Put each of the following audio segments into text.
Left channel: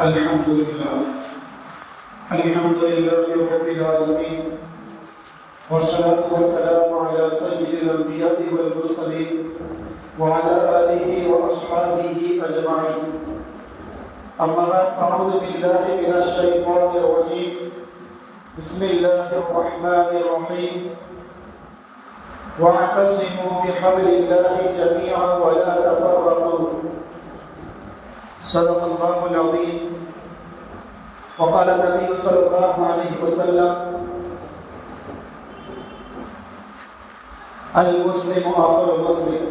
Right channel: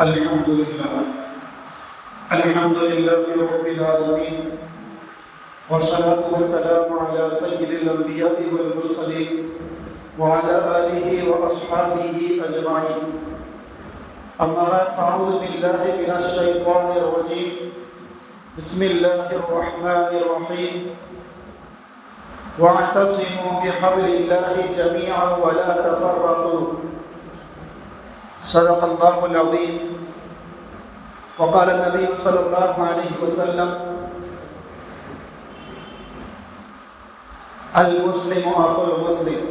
الحمد لله رب العالمين، والصلاة والسلام على سيد الأنبياء والمرسلين وعلى آله وأصحابه أجمعين. أما بعد، فأعوذ بالله من الشيطان الرجيم. بسم الله الرحمن الرحيم. واعتصموا بحبل الله جميعا ولا تفرقوا. صدق الله العظيم. وقال النبي صلى الله عليه وسلم: المسلم أخو المسلم،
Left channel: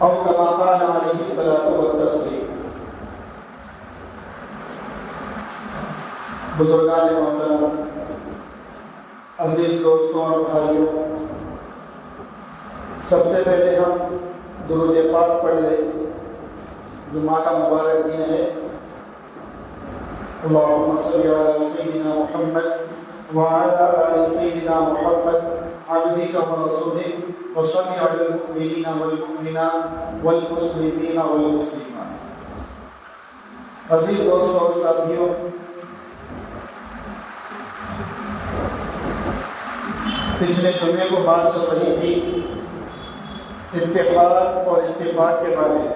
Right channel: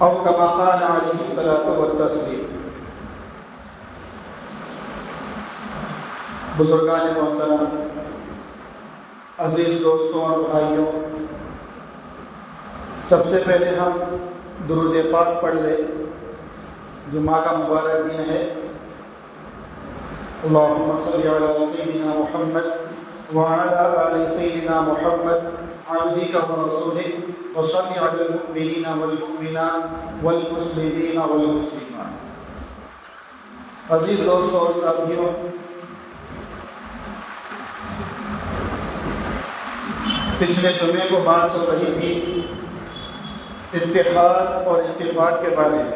أو كما قال عليه الصلاة والتسليم. بزرگان محترم، عزیز دوستوں اور بھائیوں، سب سے پہلے ہم درود پاک پڑھ لیں. جمعہ کا مبارک دن ہے. اللهم صل على سيدنا محمد وعلى آل سيدنا محمد عبدك ورسولك، وصل على المؤمنين والمؤمنات والمسلمين والمسلمات. عزیز دوستوں اور ساتھیوں، پچھلے جمعے کو بات چل رہی تھی اتحاد اور اتفاق کے بارے میں،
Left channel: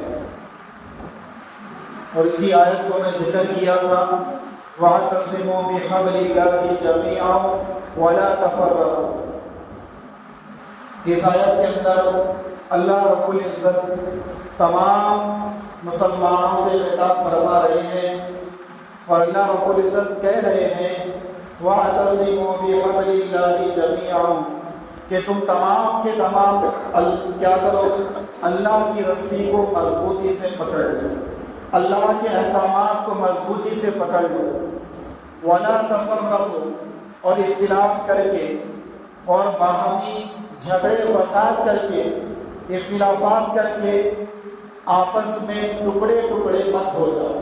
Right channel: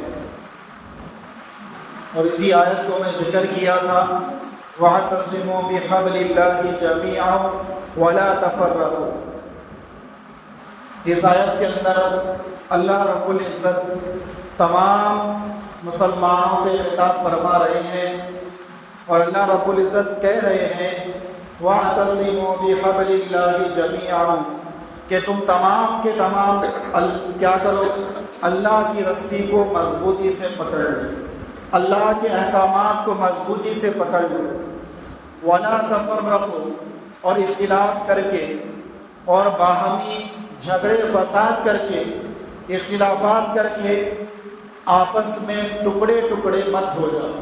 اور اسی آیت کو میں ذکر کیا تھا: وَاعْتَصِمُوا بِحَبْلِ اللَّهِ جَمِيعًا وَلَا تَفَرَّقُوا. اس آیت کے اندر اللہ رب العزت تمام مسلمانوں سے خطاب فرما رہے ہیں، اور اللہ رب العزت کہہ رہے ہیں: وَاعْتَصِمُوا بِحَبْلِ اللَّهِ جَمِيعًا، کہ تم تمام کے تمام کیا کرو؟ اللہ کی رسی کو مضبوطی سے پکڑ لو، اللہ کے احکامات کو مضبوطی سے پکڑ لو. وَلَا تَفَرَّقُوا، اور اختلاف کر کے اور باہمی جھگڑے فساد کر کے، اختلافات کر کے آپس میں ٹکڑے ٹکڑے مت ہو جاؤ.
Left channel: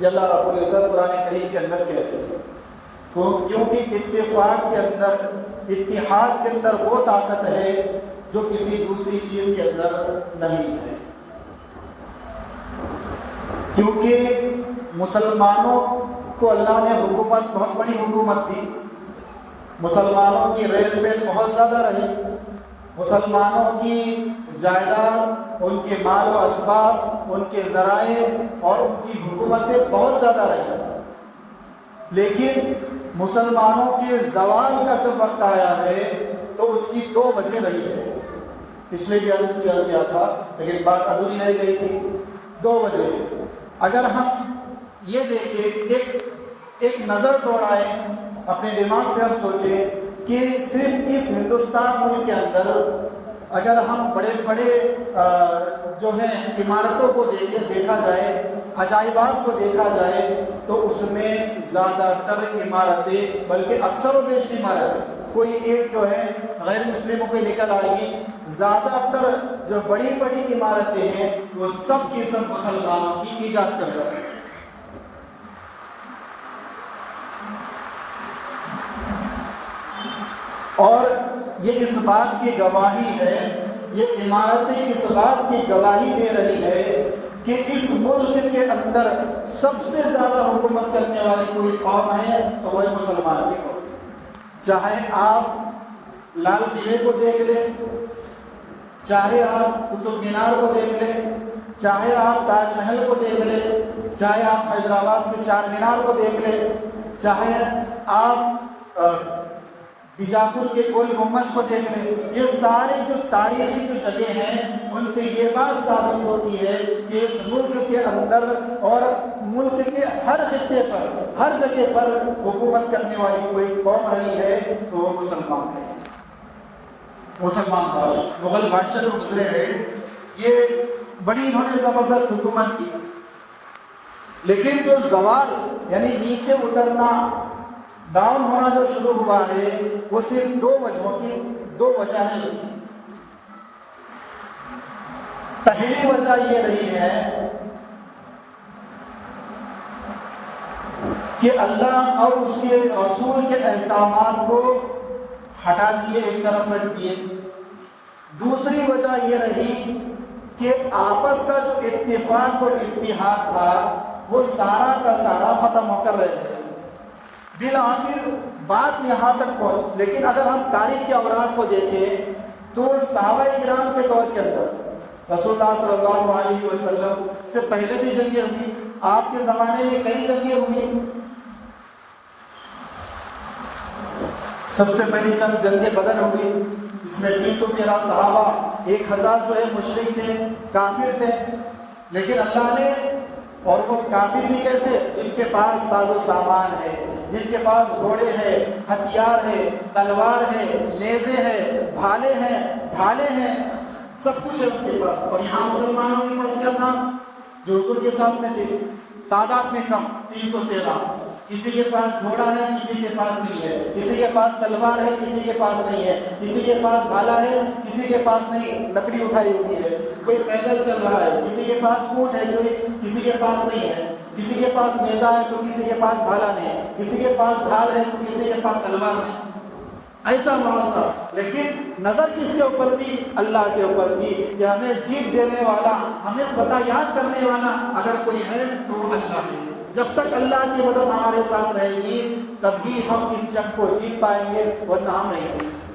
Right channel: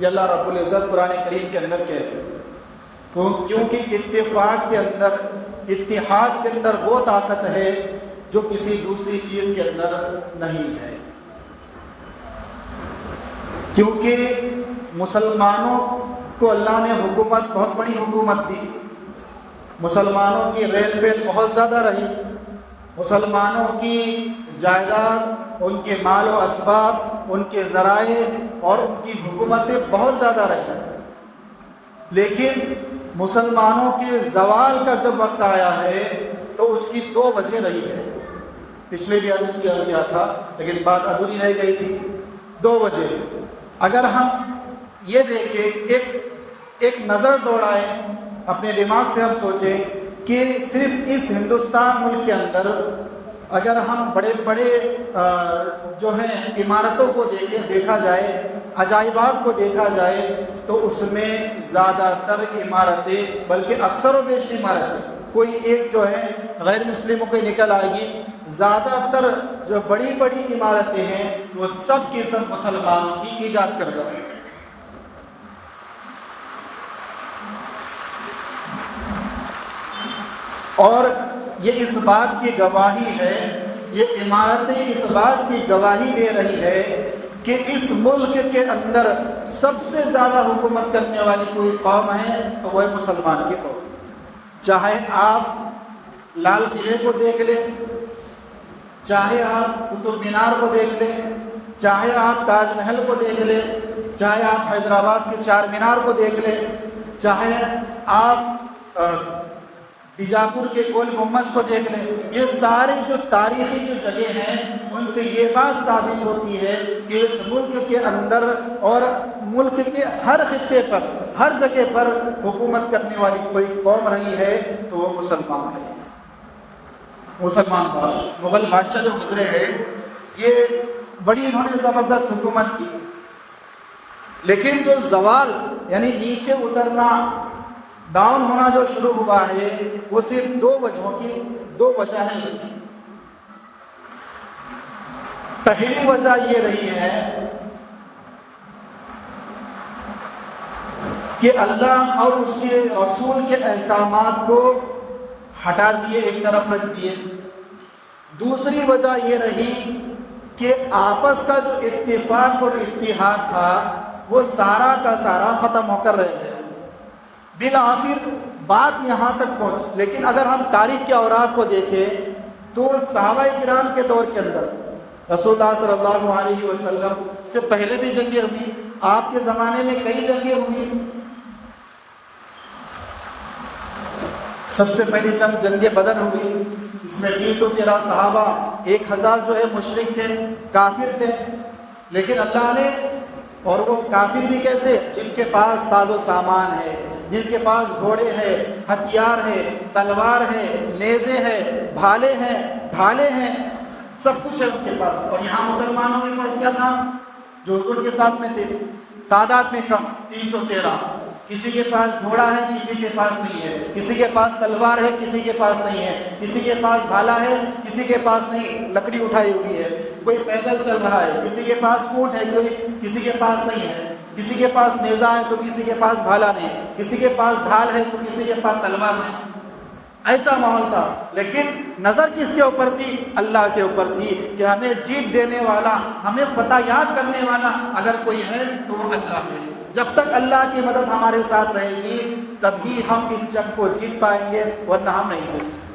یہ اللہ رب العزت قرآن کریم کے اندر کہہ رہے ہیں، کیونکہ اتفاق کے اندر، اتحاد کے اندر وہ طاقت ہے جو کسی دوسری چیز کے اندر نہیں ہے. کیونکہ مسلمانوں کو اللہ نے حکومت، بہت بڑی حکومت دی. مسلمانوں کی ریل بیل بہت زیادہ رہی، مسلمانوں کی جائیداد، ان کے مال و اسباب، ان کے ذرائع اور ان کی حکومتیں بہت زیادہ رہی. لیکن مسلمانوں کے زوال کا جب وقت آیا ہے تو اس کی دو وجہ رہی ہے. پچھلے بھی عرض کیا تھا لیکن بات ادھوری رہ گئی تھی. دو وجہ. اگر ہم یہ دیکھیں، ایک نظر دوڑائیں اپنے دماغ سے، ہم سوچیں کہ صرف اس ہندوستان ملک کے اندر اگر ہم بڑے بڑے جو ہیں عمارتوں کو دیکھا جائے، عجائبات کو دیکھا جائے، تو اس میں زیادہ تر عمارتیں، بلکہ اکثر و بیشتر عمارتیں، کوئی ایک جو ہے غیر مسلموں کو نکل آئے گی، زیادہ تر جو بڑی بڑی عمارتیں ہیں وہ سب کی سب مسلمانوں کی ایجاد کر رہے ہیں. اور یہ اس بات کی گواہی ہے، یہ عمارتیں اس بات کی گواہی دے رہی ہے کہ اس ملک کے اندر سب سے زیادہ حکومت کرنے والی کوئی قوم ہے تو وہ مسلمان کی قوم. چاہے آپ لال قلعے کو دیکھ لیں، چاہے آپ قطب مینار کو دیکھ لیں، چاہے آپ تاج محل کو دیکھ لیں، چاہے آپ حیدرآباد کے چار مینار کو دیکھ لیں، چاہے آپ بیجاپور کے گول گمبد کو دیکھ لیں. یہ ساری جو تاریخی جو جگہ ہیں ان سے یہ بات ثابت ہوتی ہے کہ اس ملک کے اندر اور ملک کے ہر خطے پر، ہر جگہ پر حکومت کرنے والی کوئی قوم رہی ہے تو وہ مسلمان ہے. مسلمان مغل بادشاہ جو گزرے ہیں، یہ بڑی انہوں نے زبردست حکومت کی، لیکن جو زوال یعنی نیچے اترنا، ڈاؤن ہونا جو شروع ہوا ہے، وہ صرف دو وجہ ہیں. پہلی وجہ یہ رہی ہے کہ اللہ اور اس کے رسول کے احکامات کو ہٹا دیے، ایک طرف رکھ دیے. دوسری وجہ یہ رہی کہ آپس کا جو اتفاق اور اتحاد تھا وہ سارا کا سارا ختم ہو کر رہ گیا۔ بالآخر بات یہاں تک پہنچ، لیکن اگر ہم تاریخ کے اوراق کو دیکھیں تو صحابہ کرام کے دور کے اندر رسول اللہ صلی اللہ علیہ وسلم سے پہلے بھی جنگیں ہوئی، آپ کے زمانے میں کئی جنگیں ہوئی۔ سب سے پہلی جنگ بدر ہوئی، اس میں 313 صحابہ، 1000 جو ہے مشرک تھے، کافر تھے، لیکن اللہ نے، اور وہ کافر بھی کیسے؟ جن کے پاس ساز و سامان ہے، جن کے پاس گھوڑے ہیں، ہتھیار ہے، تلوار ہے، نیزے ہیں، بھالے ہیں، سب کچھ ہے ان کے پاس۔ اور یہاں مسلمانوں کے پاس کیا تھا؟ جو حضور کے ساتھ میں تھے، تعداد میں کم، 313۔ کسی کے پاس گھوڑا ہے، کسی کے پاس نہیں ہے، کسی کے پاس تلوار ہے، کسی کے پاس نہیں ہے، کسی کے پاس بھالا ہے، کسی کے پاس نہیں، لکڑی اٹھائی ہوئی ہے، کوئی پیدل چل رہا ہے، کسی کے پاس اونٹ ہے، کوئی کسی کے پاس نہیں ہے، کسی کے پاس نیزہ ہے تو کسی کے پاس بھالا نہیں، کسی کے پاس ڈھال ہے تو کسی کے پاس تلوار نہیں۔ ایسا ماحول تھا، لیکن نظر کس کے اوپر تھی؟ اللہ کے اوپر تھی کہ ہمیں جیت دینے والا، ہمیں فتح یاب کرنے والا اگر کوئی ہے تو اللہ ہے۔ جب تک اللہ کی مدد ہمارے ساتھ رہے گی تب ہی ہم اس جنگ کو جیت پائیں گے، ورنہ ہم نہیں جیت سکتے۔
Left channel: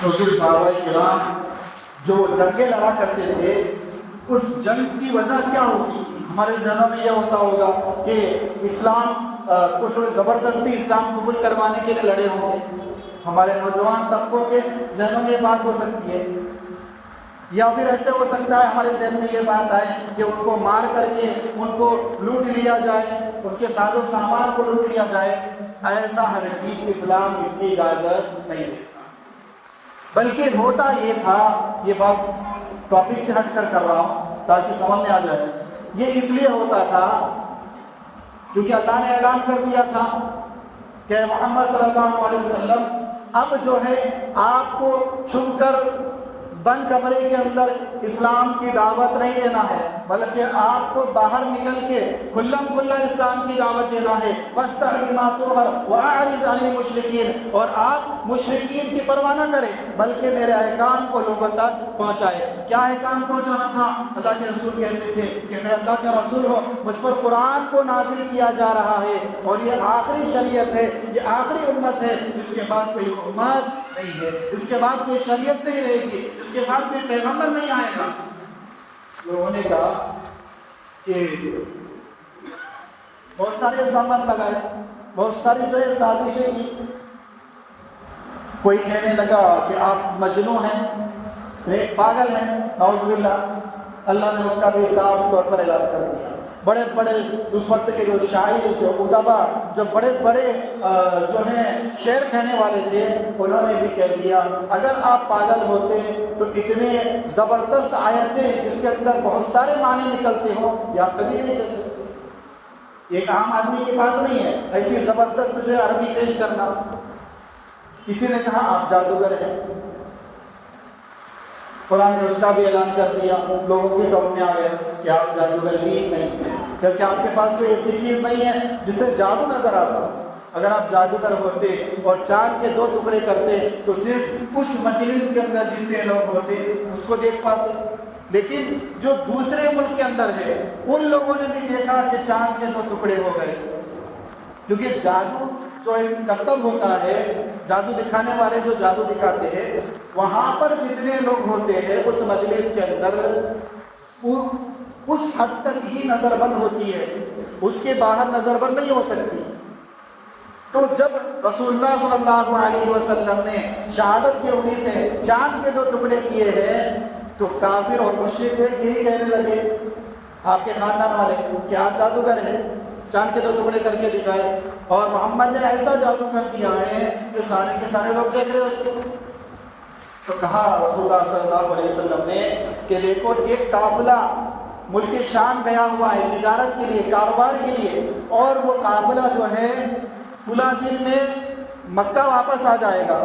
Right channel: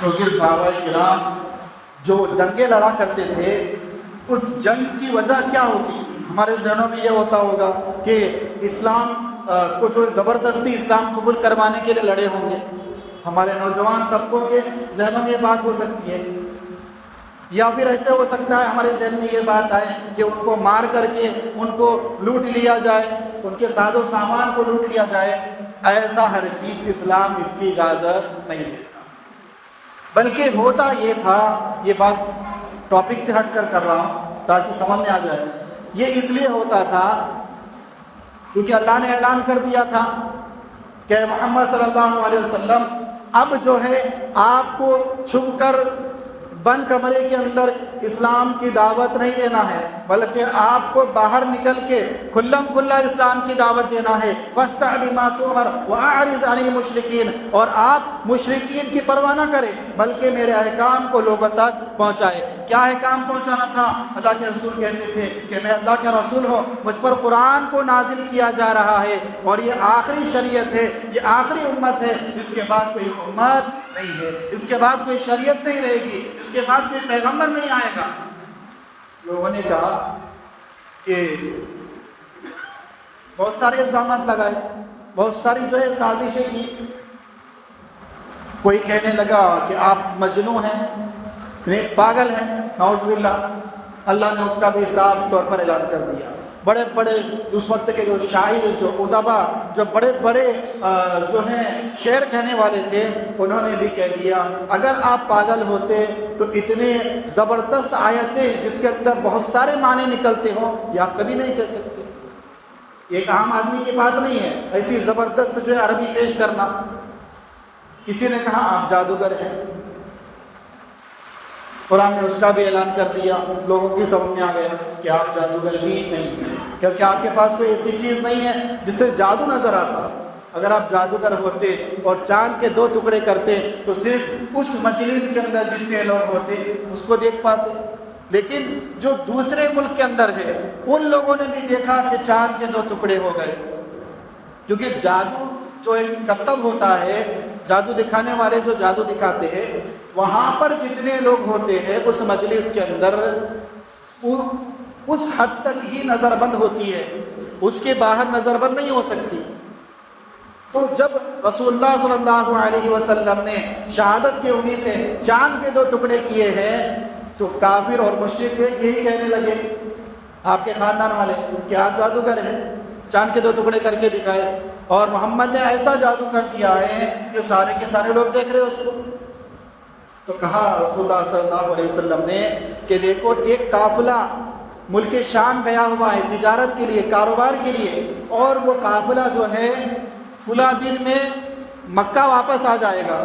کیونکہ صحابہ کرام جو جنگیں لڑا کرتے تھے، اس جنگ کی وجہ کیا ہوگی؟ ہمارے ذہنوں میں یہ ہوتا ہوگا کہ اسلام کو جو زبردستی اسلام قبول کروانے کے لیے لڑے ہوں گے۔ ہمارے نوجوان طبقوں کے ذہنوں میں یہ بات ہو سکتی ہے، یا پھر ایسے ہو سکتا ہے ہمارے ذہن میں یہ بات آئے کہ ان کو مار کر کے ان کو لوٹ لیا جائے، ان کے ساز و سامان کو لوٹ لیا جائے۔ ایسا ہرگز اسلام اس کی اجازت نہیں دیتا، بلکہ ہوتا یہ تھا، یہ بات ٹاپک سے ہٹ کر رہا ہوں تاکہ سمجھ میں آ جائے، یہ اس لیے ہوتا تھا کیونکہ اللہ نے اعلان کر دیا تھا کہ محمد صلی اللہ علیہ وسلم اب جو ہے آپ کو چھپ کر بند کمرے کے اندر اسلام کی دعوت نہیں دینا ہے، بلکہ آپ کو باہر نکل کے کھلم کھلا اسلام کی دعوت دینا ہے۔ وَاسْتَعْ بِمَا تُؤْمَرْ وَأَعْرِضْ عَنِ الْمُشْرِكِينَ، اور آپ مشرکین کی پرواہ نہ کریں بلکہ میرے احکام کو لوگوں تک پہنچائے۔ کیا احکام پہنچانا تھا؟ اللہ کے رسول کہتے تھے کہ میں اللہ کے رسول ہوں، مجھ پر قرآن کو نازل کیا جا رہا ہے اور یہ آخری شریعت ہے، یہ آخری امت ہے، اس کے بعد کوئی امت نہیں ہے، اس کے بعد کوئی شریعت نہیں رہے گی، اس کے بعد کوئی پیغمبر نہیں آئے گا۔ لوگوں نے کہا کہ بہت سارے الزامات لگائے، بہت ساری جو ہے سازشیں کی۔ کوئی کہنے لگا کہ آپ مجنون ہیں، پاگل ہیں، نعوذ باللہ۔ اللہ نے اس کا بھی صاف طور پر اعلان کر دیا۔ بڑے بڑے اس وقت کے جو شاعر، جو ادبا، جو بڑے بڑے جو ہیں شعر کہنے والے تھے، انہوں نے بھی کہہ دیا اگر آپ پاگل ہوتے تو اتنے زبردست آیتیں جس کے اندر بہت سارے معنی نکلتے ہوں یہ آپ کبھی نہیں کہہ سکتے۔ ایک عام آدمی کی بات نہیں ہے ایسی زبردست جو ہے عربی پیش کرنا۔ کسی نے کہا آپ جادوگر ہیں، قرآن نے اس کا بھی اعلان کر دیا، لوگوں کی سمجھ میں آ گیا کہ آپ جادوگر بھی نہیں ہیں، کیونکہ آپ کے پاس کوئی ایسی چیز نہیں ہے جس سے جادو نظر آتا۔ اگر آپ جادوگر ہوتے اور چاند کے 2 ٹکڑے کرتے تو صرف اس مجلس کے اندر جتنے لوگ ہوتے اس کو دیکھ پاتے، لیکن جو دوسرے ملک کے اندر ہے ان لوگوں نے بھی دیکھا کہ چاند کے 2 ٹکڑے ہو گئے، کیونکہ جادو جو ایک کرتب ہوتا ہے، جادو دکھانے والے جو جادو دکھاتے ہیں وہاں پر جتنے لوگ ہوتے ہیں اس مجلس کے اندر اس حد تک ہی نظر بند ہوتی ہے، اس کے باہر نظر بند نہیں ہو سکتی۔ تو جب رسول اللہ صلی اللہ علیہ وسلم نے شہادت کی انگلی سے چاند کے 2 ٹکڑے کیے ہیں تو کافر اور مشرک یہی کہنے لگے آپ کے خاندان والے کہ آپ جادوگر ہیں، چاند کے 2 ٹکڑے کر کے دکھائے، اور محمد نے ایسا جادو کر دیا ہے کہ سارے کے سارے لوگ دیکھ رہے اس کو۔ تو کہا رسول اللہ صلی اللہ علیہ وسلم نے کہ دیکھو ایک قافلہ ملک شام گیا ہوا ہے تجارت کے لیے، کاروبار کے لیے، اور وہ قافلہ جو ہے فلاں دن میں مکہ واپس آ جائے گا،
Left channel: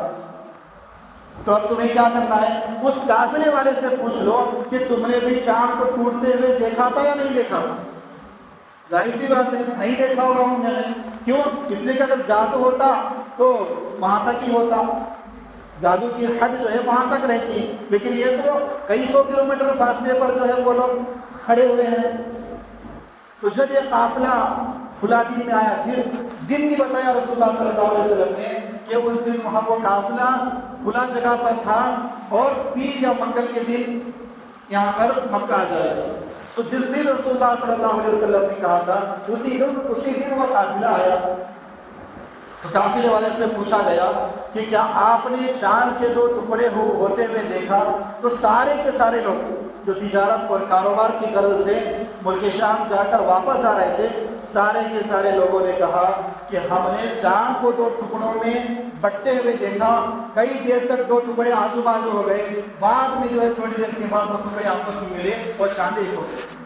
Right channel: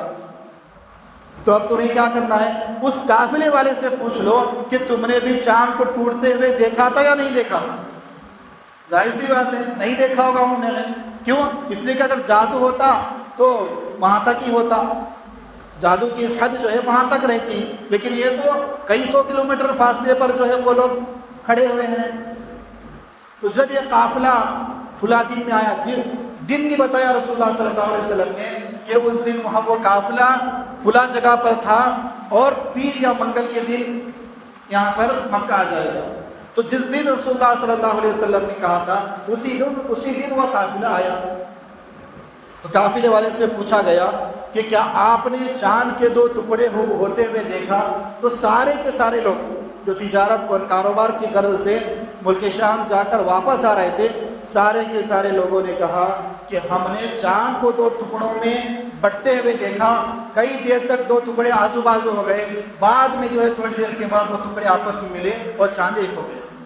تو اب تمہیں کیا کرنا ہے؟ اس قافلے والے سے پوچھ لو کہ تم نے بھی چاند کو ٹوٹتے ہوئے دیکھا تھا یا نہیں دیکھا؟ ظاہر سی بات ہے نہیں دیکھا ہوگا انہوں نے۔ کیوں؟ اس لیے کہ اگر جادو ہوتا تو وہاں تک ہی ہوتا، جادو کی حد جو ہے وہاں تک رہتی، لیکن یہ تو کئی سو کلومیٹر فاصلے پر جو ہے وہ لوگ کھڑے ہوئے ہیں۔ تو جب یہ قافلہ فلاں دن میں آیا، دن بھی بتایا رسول اللہ صلی اللہ علیہ وسلم نے کہ اس دن وہاں وہ قافلہ فلاں جگہ پر تھا اور پیر یا منگل کے دن یہاں پر مکہ آ جائے گا۔ تو جس دن رسول اللہ صلی اللہ علیہ وسلم نے کہا تھا اسی دن وہ قافلہ آیا۔ تو قافلے والے سے پوچھا گیا کہ کیا آپ نے چاند کے 2 ٹکڑے ہوتے ہوئے دیکھا؟ تو سارے کے سارے لوگ جو تجارت اور کاروبار کی غرض سے ملک شام جا کر واپس آ رہے تھے، سارے کے سارے لوگوں نے کہا کہ ہم نے چاند کو 2 ٹکڑوں میں بٹتے ہوئے دیکھا، کئی دیر تک 2 ٹکڑے آزو بازو ہو گئے، بعد میں جو ہے تھوڑی دیر کے بعد وہ ٹکڑے آپس میں ملے اور چاند ایک ہو گئے۔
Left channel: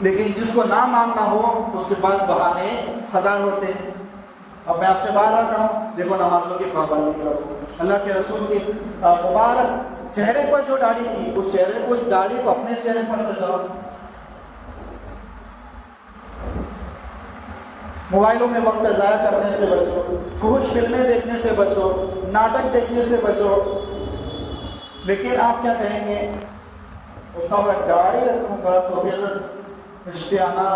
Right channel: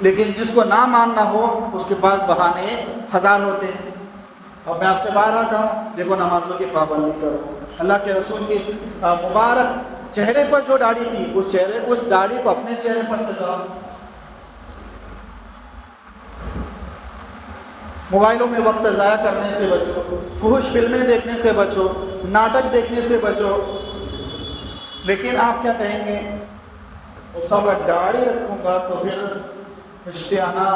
لیکن جس کو نہ ماننا ہو اس کے پاس بہانے ہزار ہوتے ہیں۔ اب میں آپ سے بارہا کہا دیکھو نمازوں کی پابندی کرو، اللہ کے رسول کی مبارک چہرے پر جو داڑھی تھی اس داڑھی کو اپنے چہرے پر سجاؤ، موبائلوں میں وقت ضائع کرنے سے بچو، فحش فلمیں دیکھنے سے بچو، ناٹک دیکھنے سے بچو۔ لیکن آپ کیا کہیں گے؟ سب داڑھی رکھوں گا تو پھر رشتے آنا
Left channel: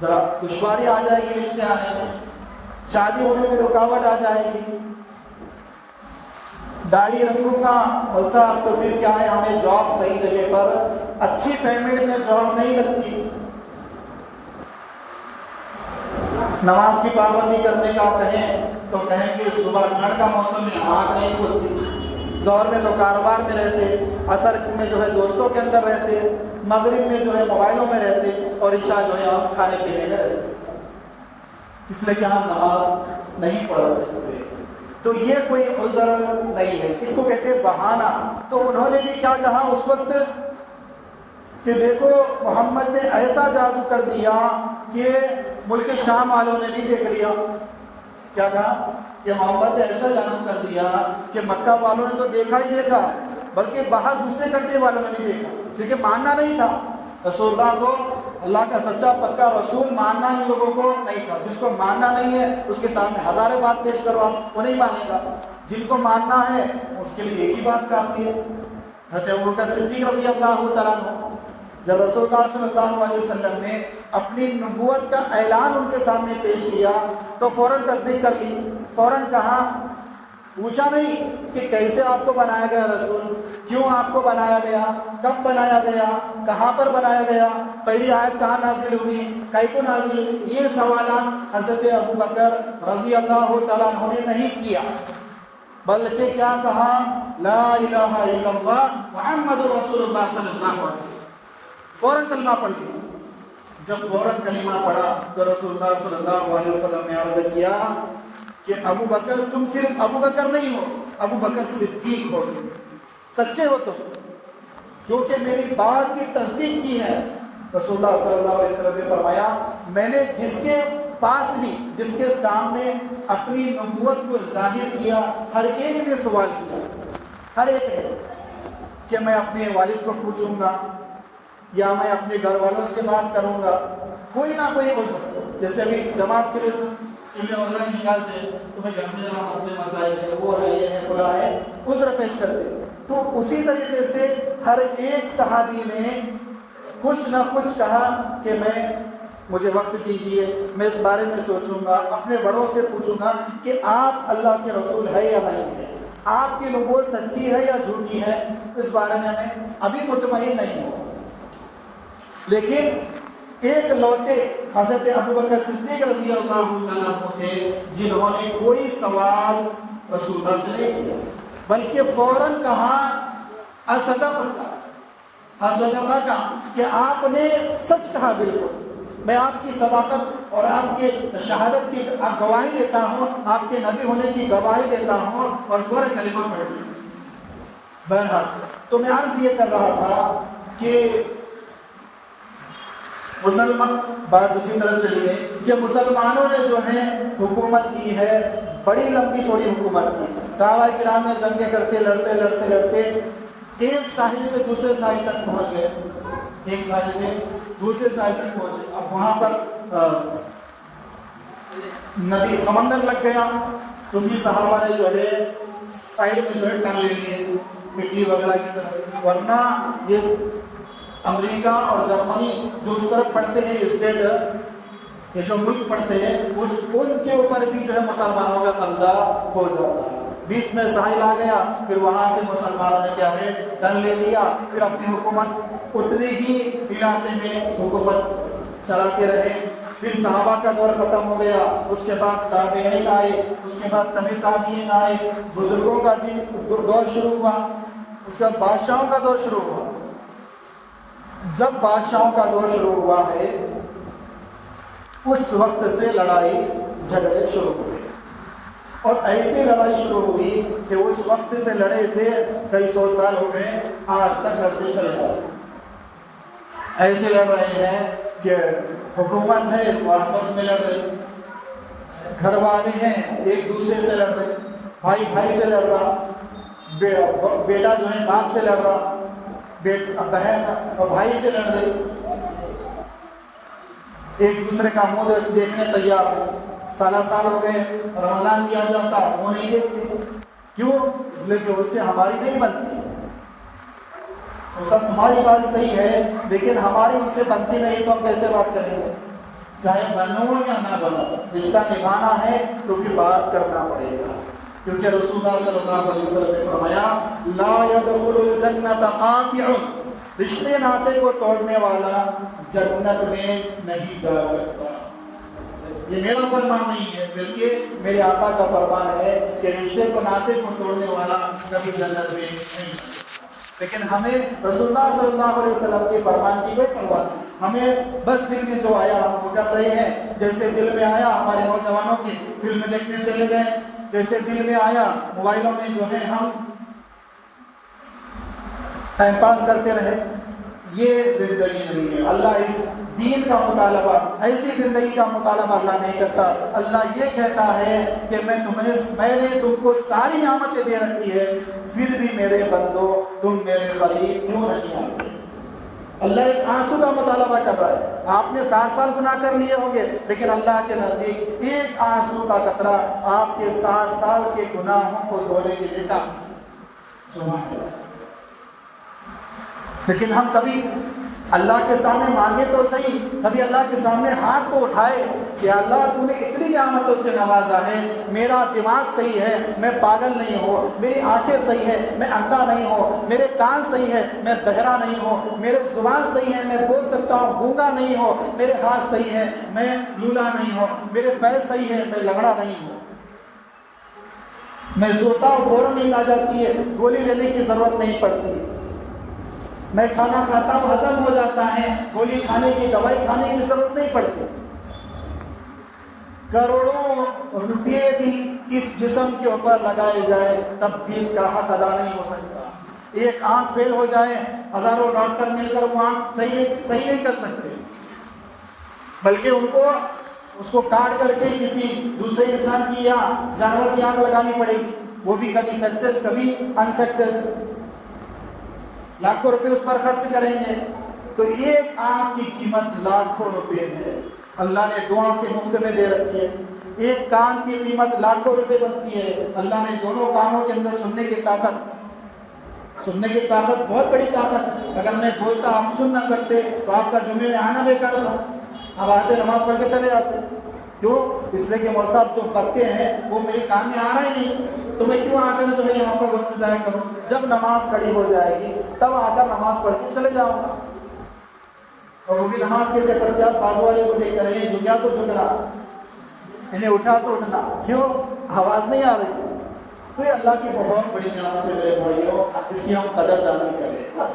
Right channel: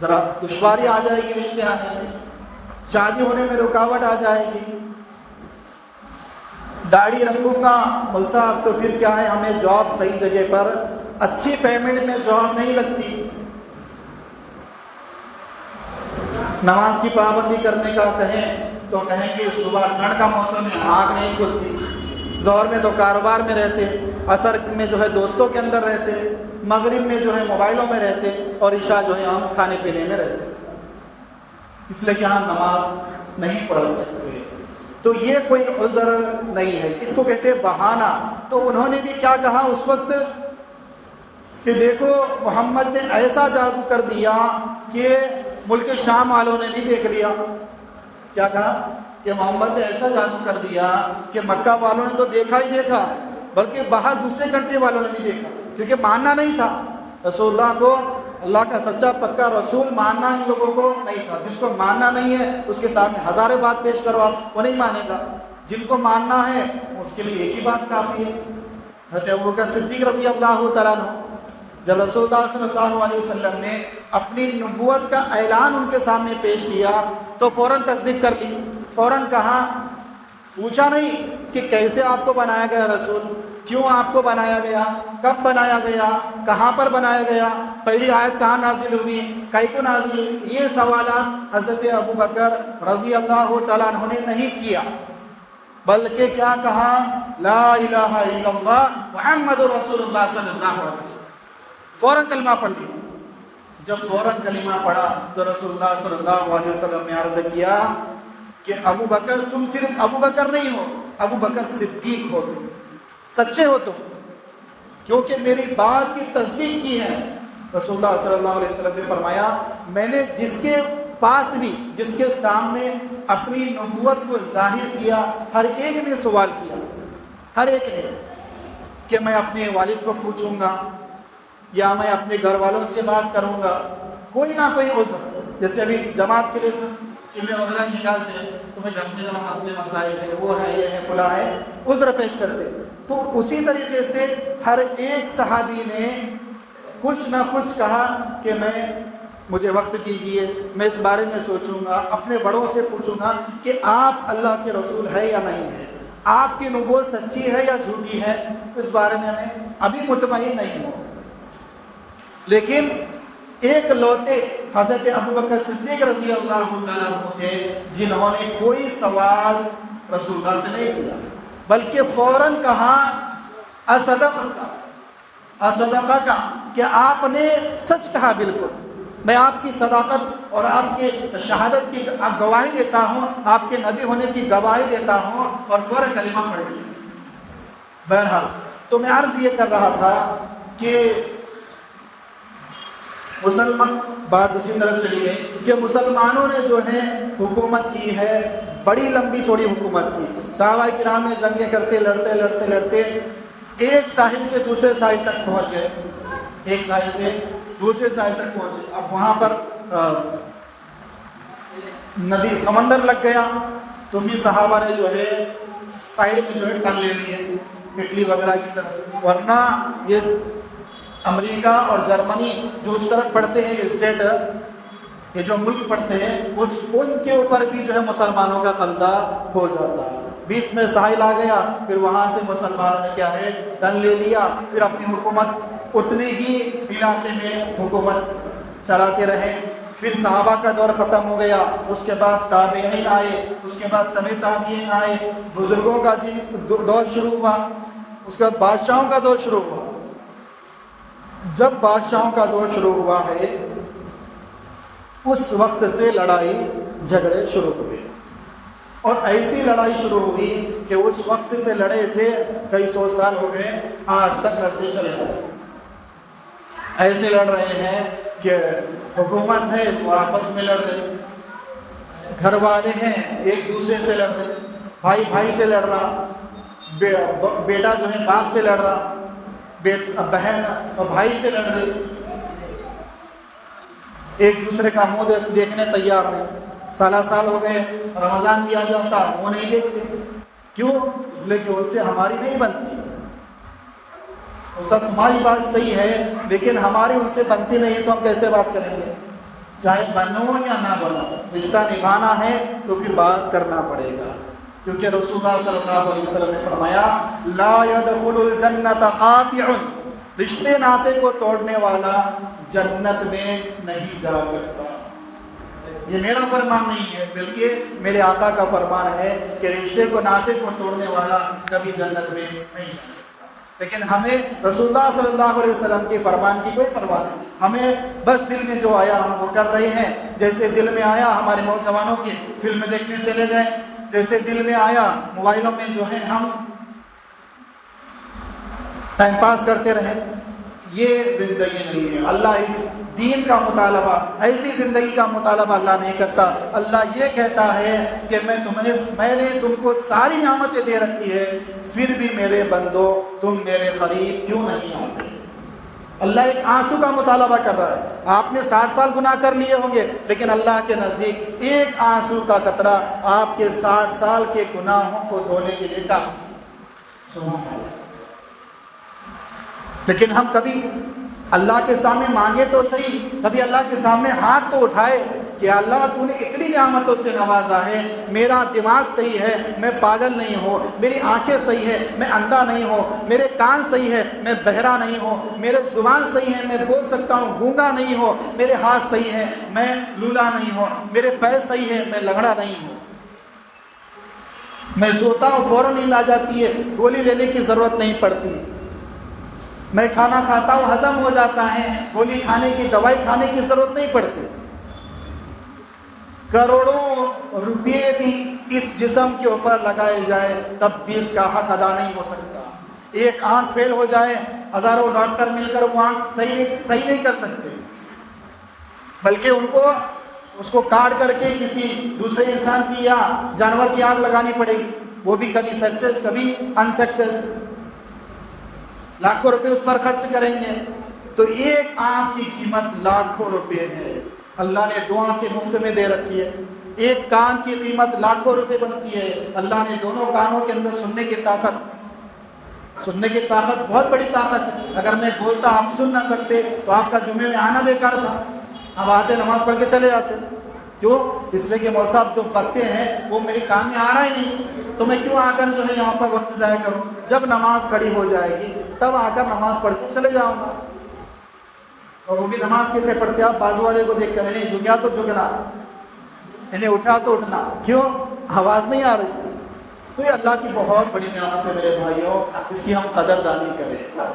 ذرا دشواری آ جائے گی، رشتے آنے میں شادی ہونے میں رکاوٹ آ جائے گی۔ داڑھی رکھوں گا مول صاحب تو پھر کیا ہے، ہمیں جاب صحیح جگہ پر اچھی پیمنٹ میں جاب نہیں لگتی۔ نماز کی پابندی کرنے کا کہیں تو کہیں کہ صبح ٹھنڈ کا موسم میں آنکھ نہیں کھلتی، ظہر میں تو کاروبار میں رہتے، عصر میں جو ہے دوستوں کے اندر رہتے، مغرب میں جو ہے موبائلوں میں رہتے، اور عشاء جو ہے ہم کھانے پینے میں رہتے، اس لیے کہ ہم نماز نہیں پڑھ سکتے۔ تو یہ کوئی عذر نہیں ہے، اس کو کہتے ہیں بہانہ۔ تو انہوں نے بھی کیا کہا اس وقت کہ دیکھو محمد نے ایسا جادو کر دیا کہ ملک شام والوں نے بھی دیکھ لیا۔ کیا کہا کہ محمد نے ایسا جادو کر دیا کہ مکہ والوں نے تو دیکھا ہی دیکھا، بلکہ باہر دوسرے کنٹری والوں نے بھی دیکھا، کیونکہ ماننا نہیں تھا رسول اللہ کو، اللہ کا سچا پکا رسول ماننا ان لوگوں کو نہیں تھا۔ جس کو ماننا نہیں ہے اس کے سامنے ہزاریں بات پیش کرو آپ، وہ نہیں مانے گا۔ جن کو ماننا ہے اس کے لیے ایک ہی بات کافی ہے۔ حضرت ابوبکر صدیق رضی اللہ تعالیٰ عنہ جب رسول اللہ صلی اللہ علیہ وسلم نے اپنی نبوت کا اعلان ان کے سامنے پیش کیا تو فوراً تصدیق کر لی، فوراً کہا، پوچھا نہیں کہ کیسے آپ کو بنایا گیا رسول، کیوں آپ کو بنایا گیا، کب بنایا گیا، کہاں پر بنایا گیا، پہلی آیت کہاں نازل ہوئی، کیسے نازل ہوئی، یہ سوالات حضرت ابوبکر رضی اللہ تعالیٰ عنہ نے نہیں کیا، بلکہ کیا کہا، لا الہ الا اللہ محمد رسول اللہ صلی اللہ علیہ وسلم، فوراً کلمہ پڑھ لیا۔ جب فوراً کلمہ پڑھا تو رسول اللہ صلی اللہ علیہ وسلم نے عرض کیا کہ ابو بکر تم صرف ابو بکر نہیں ہو، ابو بکر صدیق ہو، تم سچے ہو تم، کیونکہ میری بات کی تصدیق کی ہے۔ رسول اللہ صلی اللہ علیہ وسلم نے فرمایا میں نے جس کے پاس بھی، جس کے سامنے اپنی نبوت کو ظاہر کیا، ہر ایک نے سوال کیا، ہر ایک نے، کہ میں اپنے والد کو پوچھوں گا یا میں اپنے گھر والوں سے بات کروں گا، کوئی نہ کوئی عذر، جیسے ابھی جماعت کے لیے چیزیں وغیرہ نکالتے تو میں جانتے ہیں مسئلے مسائل ہے، وہ ہے، یہ ہے، فلاں ہے، عذر پیش کرتے۔ تو اسی طریقے سے ہر ایک صحابی نے کچھ نہ کچھ کہا کہ مجھے وقت دیجئے، میں اس بارے میں سوچوں گا، اپنے بڑوں سے پوچھوں گا کہ آپ اللہ کے رسول ہے یا نہیں ہے، آپ کی نبوت سچی ہے یا جھوٹی ہے، اس بارے میں میں ابھی مطمئن نہیں ہوں۔ لیکن ایک لوتے حضرت ابوبکر صدیق رضی اللہ عنہ تھے جنہوں نے کوئی سوال رسول اللہ سے نہیں کیا، بلکہ فوراً کہا اصدق کا، کہ آپ نے سچ کہا، بالکل میں آپ کی صداقت اور آپ کے شہادت کی گواہی دیتا ہوں، آپ کے نبی ہونے کی گواہی دیتا ہوں، اور فوراً کلمہ پڑھ لیا۔ بہرحال تو میں عرض یہ کر رہا تھا کہ مسلمان بات اسی طرف چلی گئی کہ مسلمانوں نے جو ہے حکومت کی ہے، بڑی لمبی چوڑی حکومت کی، صحابہ کرام نے جنگیں کرتے لڑتے لڑتے لڑتے ایک ساحل سے دوسرے ساحل تک پہنچ گئے، ایک ساحل سے دوسرے ساحل تک پہنچے۔ اب وہاں پر ندی سمندر لگ گیا، تو پھر صحابہ نے جو ہے سائڈ میں جو ہے ٹرن لے لیے اٹلی وغیرہ کی طرف، ورنہ یہ امریکہ اور جرمنی جو اس طرف پڑھتے ہیں اسٹیٹ، یہ جو ملک پڑھتے ہیں ان کے اوپر بھی جو ہے مسلمانوں کا قبضہ ہو جاتا ہے۔ بیچ میں ساحل آ گیا، پھر وہاں سے مسلمانوں نے کیا ہے ٹرن لے لیا، پھر اپنی حکومت اتنے ہی علاقے میں حکومت چلاتے رہے۔ پھر صحابہ کا دور ختم ہو گیا، اس کے بعد تابعین آئے، اس کے بعد تبع تابعین آئے، بزرگوں کا دور شروع ہوا، اس کے بعد بادشاہوں کا دور شروع ہوا۔ جب بادشاہوں کا دور شروع ہوا ہے اس وقت سے لڑائی جھگڑے شروع ہوئے، اور ایسی لڑائی شروع ہوئی کہ اس وقت سے لڑے تھے کئی سو سال ہو گئے، آج تک لڑتے چلے جائے۔ ایسے لڑ رہے ہیں کہ حکومت ہے تو آپس میں لڑ رہے، گھر والے ہیں ایک دوسرے سے لڑ رہے، بھائی بھائی سے لڑ رہا، بیٹا جو ہے باپ سے لڑ رہا، بہن اور بھائی سے لڑ رہی، ایک دوسرے کا منہ دیکھنے تیار نہیں۔ سالہ سال ہو گئے، رمضان بھی آ جاتا وہ نہیں دیکھتے، کیوں؟ اس لیے کہ اس سے ہماری نہیں بنتی، سب تمہاری بات صحیح ہے لیکن ہماری ان سے بنتی نہیں ہے، تو ہم کیسے بات کریں گے؟ چاہے بنو یا نہ بنو، رشتہ نبھانا ہے تو پھر بات کرنا پڑے گا، کیونکہ رسول اللہ صلی اللہ علیہ وسلم نے فرمایا لا يدخل الجنت قاطع، رشتے ناطے کو توڑنے والا جنت میں نہیں جا سکتا۔ یہ میرا فرمان نہیں ہے بلکہ میرے آقا کا فرمان ہے کہ رشتے کو ناطے کو توڑنے والا کبھی جنت میں نہیں۔ لیکن ہمیں رسول اللہ صلی اللہ علیہ وسلم کے فرمان کی کوئی پرواہ نہیں، ہمیں بس دل میں جو آیا ہم وہ کر رہے ہیں۔ جیسے دل میں آیا ہمارے نوجوانوں کی فلم دیکھنے چلے گئے، جیسے دل میں آیا موبائلوں میں جو ہے ہم ٹائم پاس کرتے رہے، یہ زندگی نہیں ہے۔ اللہ اس دین کا مطالبہ، ایسی زندگی کا مطالبہ اللہ نہیں کرتا۔ اللہ یہ کہتا ہے کہ میں نے تم کو ساری نعمتیں دے رکھی ہے، پھر بھی میرے بندو تم میرے قریب کیوں نہیں آتے؟ اللہ ایک آنسو کا مطالبہ کر رہا ہے۔ آپ نے 60 سال گناہ کر لیے ہوں گے، لیکن اللہ کے نزدیک ایک آنسو کا قطرہ آپ کے 60 سال کے گناہوں کو دھونے کے لیے کافی۔ لیکن ہم کبھی اللہ کے سامنے مانگے تو صحیح، کبھی اللہ کے سامنے ہاتھ تو اٹھائے کہ اللہ تو نے اتنی نعمتوں سے نوازا ہے، میرا دماغ صحیح ہے، میں پاگل نہیں ہوں، میری آنکھیں صحیح ہے، میں اندھا نہیں ہوں، میرے کان صحیح ہے، میں بہرا نہیں ہوں، میرے زبان صحیح ہے، میں بول سکتا ہوں، گونگا نہیں ہوں، میرے ہاتھ صحیح ہے، میں لولا نہیں ہوں، میرے پیر صحیح ہے، میں لنگڑا نہیں ہوں، میں سوتا ہوں فوراً نیند آ جاتی ہے، گولی لینے کی ضرورت نہیں پڑتی، میں کھانا کھاتا ہوں ہضم ہو جاتا ہے، گولی کھانے کی دوائی کھانے کی ضرورت نہیں پڑتی۔ کروڑوں روپے بھی اس جسم کے اوپر لگائے جائے تب بھی اس کا حق ادا نہیں ہو سکتا۔ ایک آنکھ فیل ہو جائے، ہزاروں ڈاکٹر مل کر وہ آنکھ صحیح نہیں کر سکتے، بلکہ اس کو کاٹ کر کے کسی دوسرے انسان کی یا جانور کی آنکھ لگانی پڑے گی، وہ بھی کبھی سکسیس کبھی انسکسیس، لاکھوں روپے اس پر خرچ کریں گے۔ تو ایک آنکھ کی قیمت لاکھوں روپے ہے، اللہ نے 2 آنکھیں مفت میں دے رکھی ہے۔ ایک کان کی قیمت لاکھوں روپے بنتی ہے، اللہ نے دونوں کانوں کے اندر سننے کی طاقت بہت بڑی طاقت ہے۔ اگر میں بولتا آپ سن نہ سکتے تو آپ کا جمعے میں آنا بیکار تھا، اب آتے نماز پڑھ کے چلے جاتے، کیوں؟ اس لیے کہ مولوی صاحب جو بکتے ہیں وہ میرے کان میں آنا ہی نہیں، تو میں کیوں آ کر جو ہے یہاں پر وقت ضائع کروں؟ جب نماز کھڑی ہو جائے گی تب آ کر نماز پڑھ کے چلے جاؤں گا۔ اور وہ بھی نماز کیسے پڑھتے؟ آپ بازو والے کو دیکھ کر انہیں جھکیا تو جھکنا، انہیں اٹھا تو اٹھنا، کیوں؟ آواز نہیں آ رہی۔ تو یہ اللہ کی بہت بڑی نعمت ہے میرے بھائیوں، اس کی ہم قدردانی کریں۔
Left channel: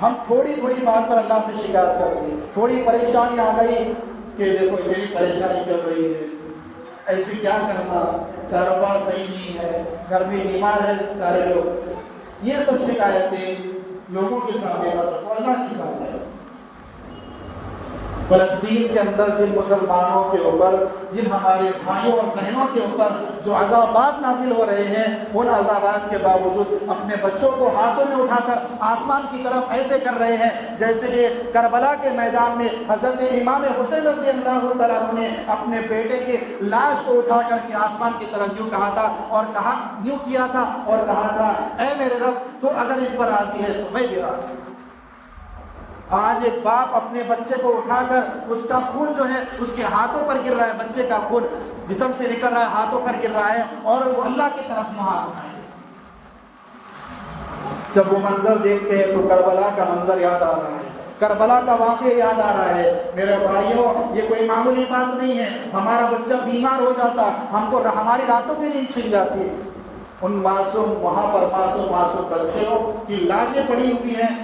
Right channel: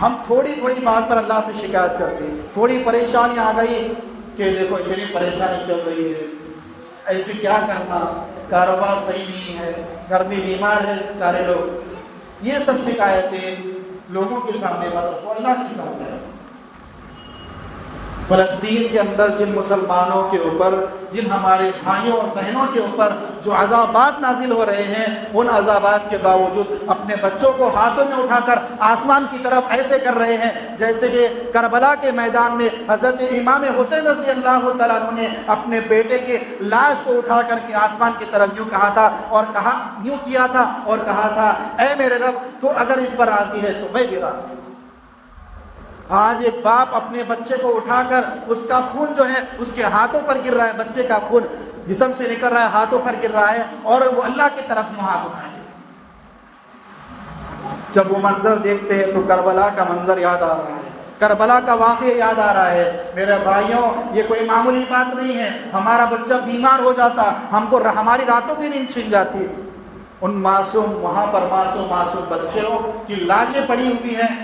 ہم تھوڑی بات پر اللہ سے شکایت کرتے ہیں، تھوڑی پریشانی آ گئی کہ دیکھو اتنی پریشانی چل رہی ہے، ایسے کیا کرنا، کاروبار صحیح نہیں ہے، گھر میں بیمار ہیں سارے لوگ، یہ سب شکایتیں لوگوں کے سامنے تو اللہ کے سامنے۔ فلسطین کے اندر جن مسلمانوں کے اوپر، جن ہمارے بھائیوں اور بہنوں کے اوپر جو عذابات نازل ہو رہے ہیں، ان عذابات کے باوجود اپنے بچوں کو ہاتھوں میں اٹھا کر آسمان کی طرف ایسے کر رہے ہیں جیسے کہ کربلا کے میدان میں حضرت امام حسین رضی اللہ تعالیٰ عنہ نے اپنے بیٹے کے لاش کو اٹھا کر کے آسمان کی طرف یوں کہا تھا یوں کیا تھا اور کہا تھا اے میرے رب تو اگر اس پر راضی ہے تو میں بھی راضی ہوں۔ آج ایک باپ اپنے بچے کو اٹھا کر اس کا خون جو ہے اس کے ہاتھوں پر گر رہا ہے، بچے کا خون جسم سے نکل رہا ہے، ہاتھوں پر گر رہا ہے اور وہ اللہ کی طرف ہاتھ اٹھائے۔ جب وہ منظر دیکھتے ہیں تو کربلا کا منظر یاد آ رہا ہے، کربلا کا واقعہ یاد آ رہا ہے۔ میرے بھائیوں، یہ کوئی معمولی بات نہیں ہے۔ ہمارا بچہ بیمار ہو جاتا، ہم کو ہماری راتوں کی نیند چھن جاتی، ان معصوم وہاں پر معصوم بچوں کی لاشیں پڑی ہوئی ہیں،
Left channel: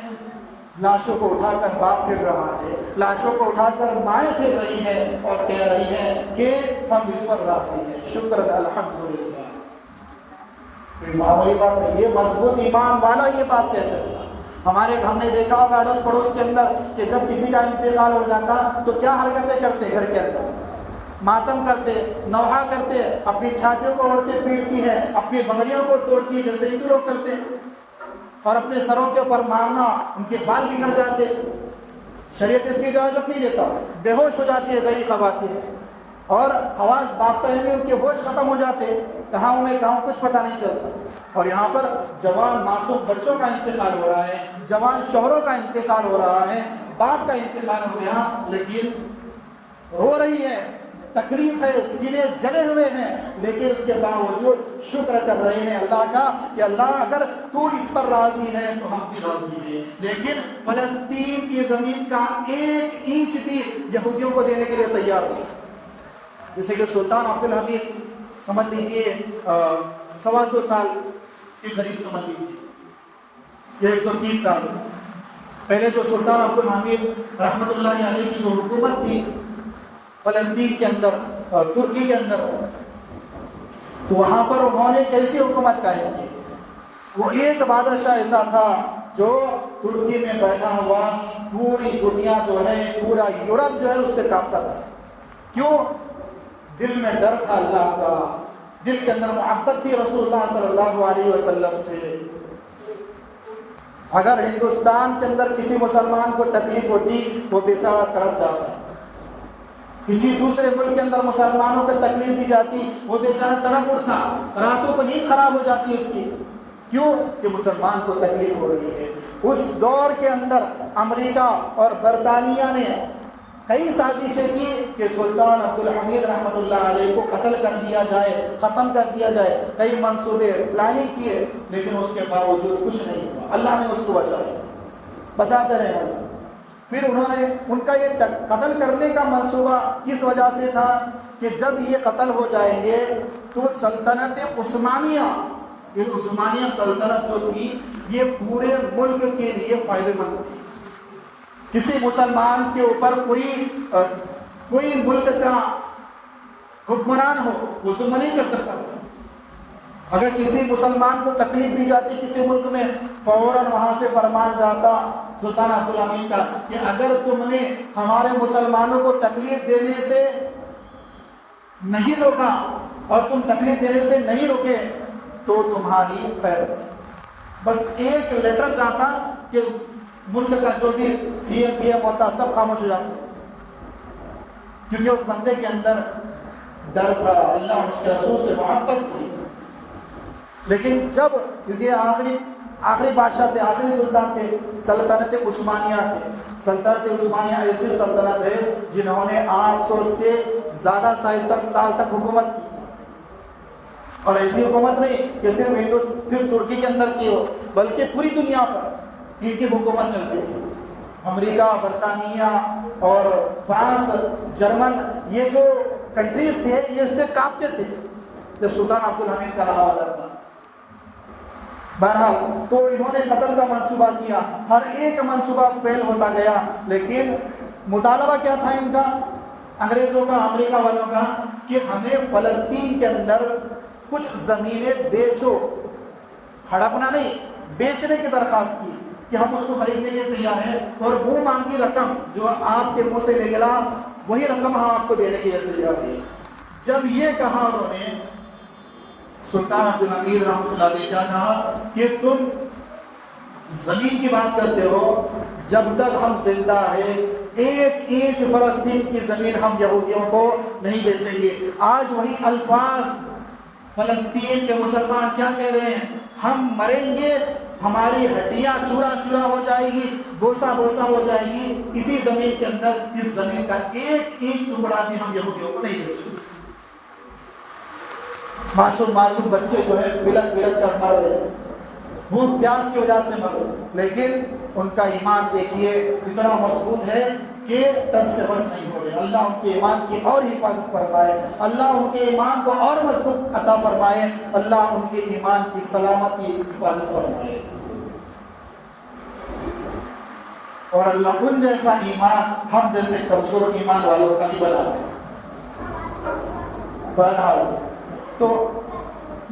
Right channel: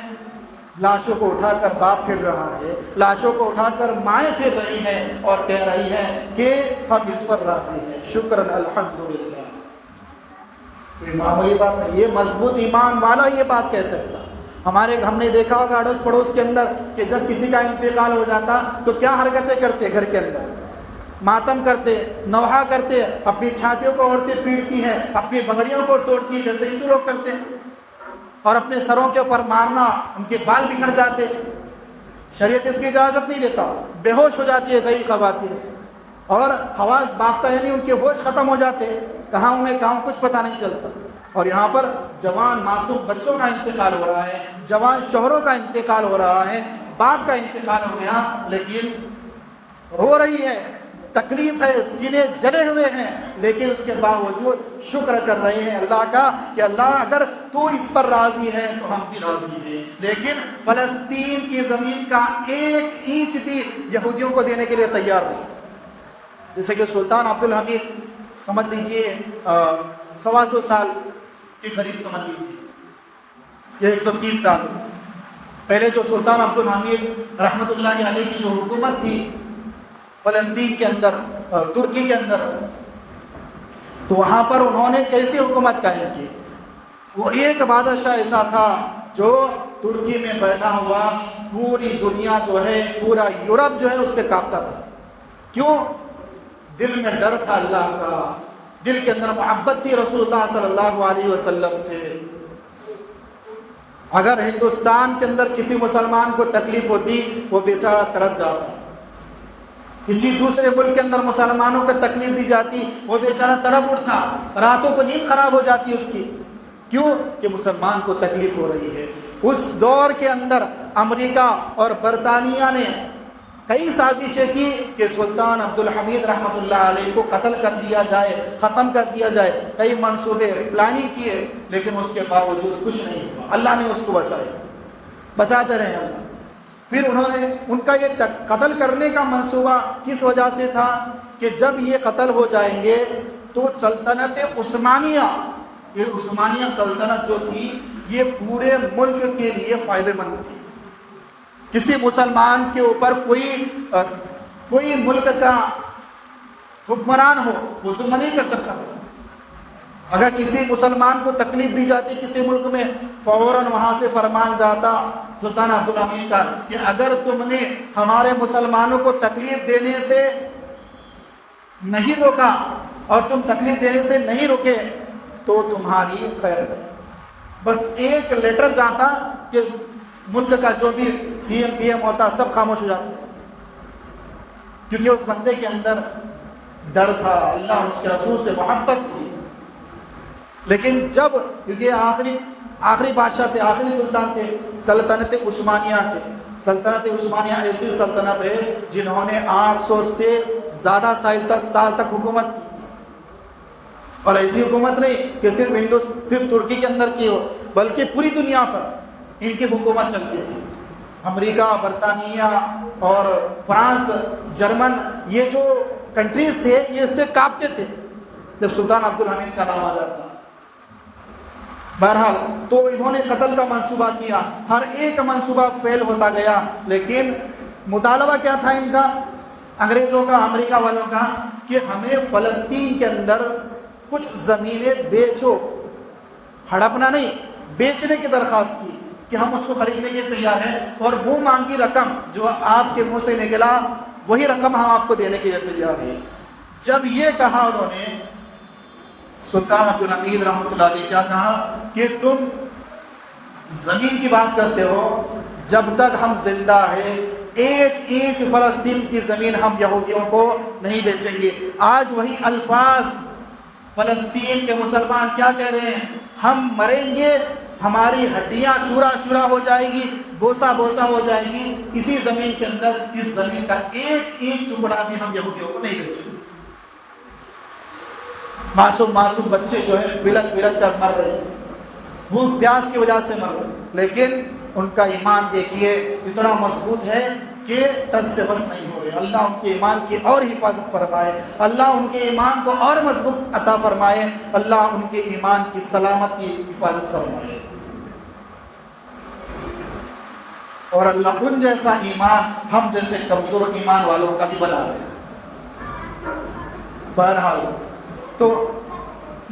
لاشوں کو اٹھا کر باپ پھر رہا ہے، لاشوں کو اٹھا کر مائیں پھر رہی ہے اور کہہ رہی ہے کہ ہم اس پر راضی ہیں، شکرن الحمدللہ۔ معمولی بات نہیں، یہ مضبوط ایمان والا یہ بات کہہ سکتا۔ ہم نے دیکھا ہوگا اڑوس پڑوس کے اندر کہ جب کسی کا انتقال ہو جاتا تو کیا حرکتیں کرتے، گھر کے اندر ماتم کرتے، نوحہ کرتے، اپنی چھاتیوں کو اوڑھتے پیٹتی ہے، اپنی بگڑیوں کو توڑتی ہے جیسے ہندو لوگ کرتے، اور اپنے سروں کے اوپر مارنا، ان کے بال بکھر جاتے۔ شریعت اس کی اجازت نہیں دیتا، بے ہوش ہو جاتی ہے کئی خواتین اور حواس باختہ، یعنی ان کے ہوش ختم ہو جاتے، کہاں میں کہاں کچھ پتہ نہیں چلتا۔ اور یہاں پر جوان معصوم بچوں کا انتقال ہو رہا ہے، جوان شوہروں کا انتقال ہو رہا ہے، باپ کا انتقال ہو گیا، لیکن رو رہی ہے، تکلیف ہے، سینے جلے ہوئے ہیں، لیکن اس کے باوجود شکر کر رہے ہیں اللہ کا کہ اللہ اگر تو اس پر راضی ہے تو ہم بھی راضی ہیں۔ لیکن فلسطین کی زمین کا ایک اینچ بھی یہودیوں کو دینے کے لیے تیار نہیں۔ جیسے کہ سلطان عبدالحمید سمجھ لیجئے 125 سال کے قریب سمجھ لیجیے، 130 سال پہلے جو سلطان عبدالحمید رحمۃ اللہ علیہ کی جو حکومت تھی فلسطین کے اندر، ترکی کے اندر، تو وہاں پر انہوں نے کیسی حکومت قائم کی؟ وہ ایک بادشاہ ایسا تھا جو ترکی میں بیٹھا ہوا پوری دنیا جو ہے، پورا یورپ جو ہے اس سے کانپتا تھا۔ کیوں؟ دل میں ڈر تھا اللہ کا، دل کے اندر محبت تھی رسول اللہ صلی اللہ علیہ وسلم سے۔ اگر ہندوستان کے اندر کسی مسلمان کو تکلیف ہوتی وہ بیچارہ تڑپ جاتا، کسی دوسرے ملک کے اندر مسلمانوں کو تکلیف دی جاتی وہ بیچارہ تڑپ اٹھتا، راتوں کو نیند خراب ہو جاتی اس کی۔ کیوں؟ کہ مسلمان کو تکلیف ہو رہی ہے۔ اس دور کے اندر امریکہ اور برطانیہ نے کئی سازشیں کی کہ سلطان عبدالحمید رحمۃ اللہ علیہ کو قتل کر دیا جائے، ختم کر دیا جائے، کئی منصوبے پلاننگ کیے، لیکن اس کے باوجود کچھ نہیں ہوا، اللہ نے اس کو بچایا، بچاتے رہے۔ پھر انہوں نے ان کا یہ قتل کرنے کا منصوبہ کس وجہ سے تھا کہ جب یہ قتل ہو جائیں گے تو سلطنت عثمانیہ، یہ عثمانیہ سلطنت جو تھی یہ پورے ملک کے لیے فائدہ مند تھی۔ کسی مسلمان کے اوپر کوئی ملک کا حکمران ہو وہ ظلم نہیں کر سکتا۔ اگر کسی مسلمان کو تکلیف دی جاتی کسی ملک میں، فوراً وہاں سے فرمان جاتا سلطان عبدالحمید کا کہ اگر تم نے ہمارے مسلمانوں کو تکلیف دینے سے نہیں روکا اور تم تکلیف دینے سے نہیں روکے تو تمہاری خیر۔ بس ایک لیٹر جاتا کہ ملک کا جو بھی سی ایم پی ایم ہوتا سب خاموش ہو جاتا، کیونکہ اس بندے کے اندر ڈر تھا، اللہ اس کے رسول سے محبت تھی۔ لیکن جب کیونکہ آخری بادشاہ تھے، آخری سلطان تھے، سلطنت عثمانیہ کے، سلطنت عثمانیہ ایسی سلطنت ہے جنہوں نے 800 سے زیادہ سال تک حکومت کی، اور ایسی حکومت نہیں کہ صرف ترکی کے اندر کی ہو، بلکہ پوری دنیا پر ان کی حکومت چلتی تھی۔ امریکہ، برطانیہ اور فرانس، جرمن، یہ جو کنٹریز تھے یہ اس سے کانپتے تھے جب سلطان عبدالحمید کا نام آ جاتا۔ بہرحال تو انہوں نے قتل کا منصوبہ کیا، ہر ایک منصوبہ فیل ہوتا گیا، لیکن مطالبہ کیا تھا ان کا، انگریزوں کا، امریکہ والوں کا، کہ ہمیں فلسطین کے اندر کچھ زمینیں بیچو، ہڑپنا نہیں، بیچنے کی درخواست کی کہ ہم اس کو خریدنے کے لیے تیار ہیں، اور وہ مانگی رقم جو آپ کے منہ سے نکلا وہی رقم ہم آپ کو دینے کے لیے تیار ہیں۔ جب یہ کہا انہوں نے، سلطان عبد الحمید رحمۃ اللہ علیہ کیا کہا کہ تم زمین کی بات کرتے ہو، جب تک ہم زندہ ہیں ایک انچ فلسطین کی زمین ہم یہودیوں کو نہیں بیچیں گے۔ آج وہی الفاظ فلسطین کے مسلمان کیا کہہ رہے ہیں، ہم مریں گے، ہماری ہڈیاں چورا چورا ہو جائے گی، بوسا بوسا ہو جائے گی، اسی زمین کے اندر اس زمین کا ایک انچ ٹکڑا بھی ہم یہودیوں کو نہیں بیچیں گے۔ معصوم بچے جو ہے بلک کر مر رہے ہیں، وہ پیاس کی وجہ سے مر رہے، لیکن ان کا ایمان دیکھیے اتنا مضبوط ہے کہ ٹس سے بس نہیں ہو رہے۔ اللہ ان کے ایمان کی اور حفاظت فرمائے، اللہ ان کے ایمان کو اور مضبوط عطا فرمائے، اللہ ان کے ایمان کی سلامتی حفاظت فرمائے، اور اللہ ان جیسا ایمان ہم جیسے کمزور ایمان والوں کا ہی بنا دے۔ بہرحال تو